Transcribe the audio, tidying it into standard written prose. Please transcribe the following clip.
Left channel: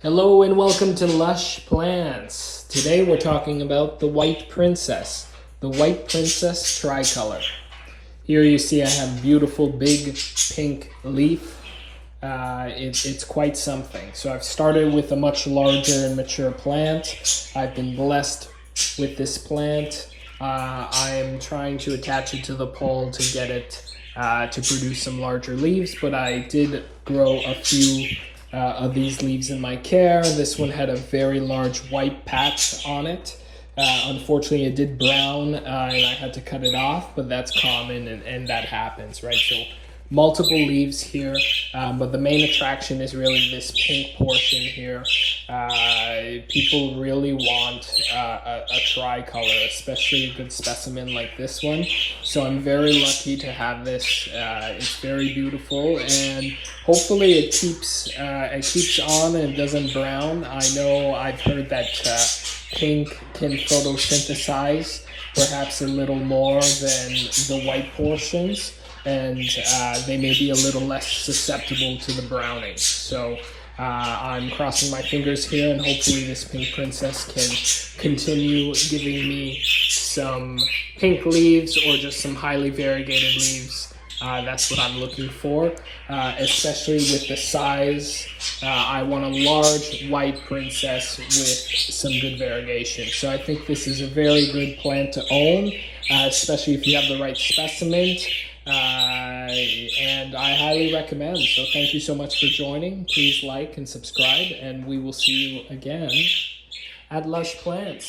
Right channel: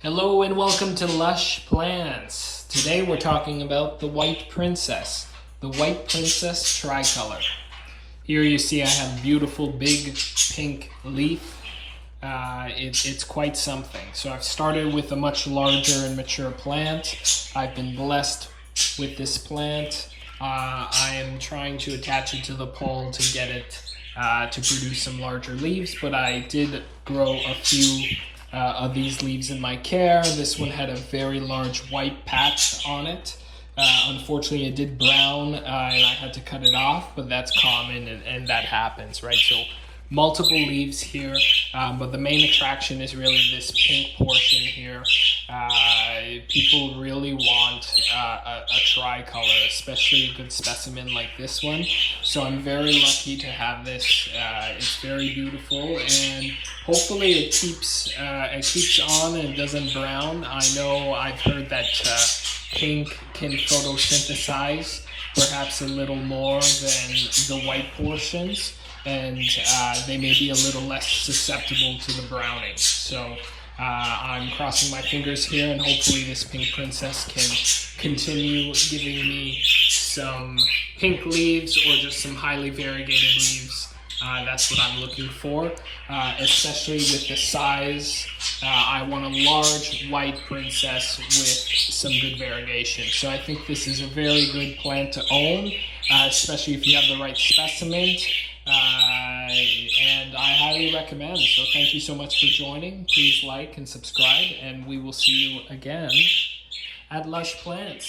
Hello and welcome to Lush Plants. Today we're talking about the White Princess, the White Princess Tricolor. Here you see I have beautiful big pink leaf. It's quite something. So I've started with a much larger and mature plant. I've been blessed with this plant. I am trying to attach it to the pole to get it to produce some larger leaves, but I did grow a few of these leaves in my care. This one had a very large white patch on it. Unfortunately, it did brown and I had to cut it off, but that's common and that happens, right? So multiple leaves here, but the main attraction is really this pink portion here. People really want a tricolor, especially a good specimen like this one. So I'm very lucky to have this. It's very beautiful, and hopefully it keeps on and doesn't brown. I know I've heard that pink can photosynthesize perhaps a little more than the white portions, and they may be a little less susceptible to the browning. So I'm crossing my fingers here, and hopefully this pink princess can continue giving me some pink leaves or just some highly variegated leaves. That's what I'm looking for, especially with the size. I want a large white princess with some good variegation. So I think this is a very good plant to own, especially if you have the right specimen. And I highly recommend. So thank you so much for joining. Please like and subscribe, and we will see you again at Lush Plants.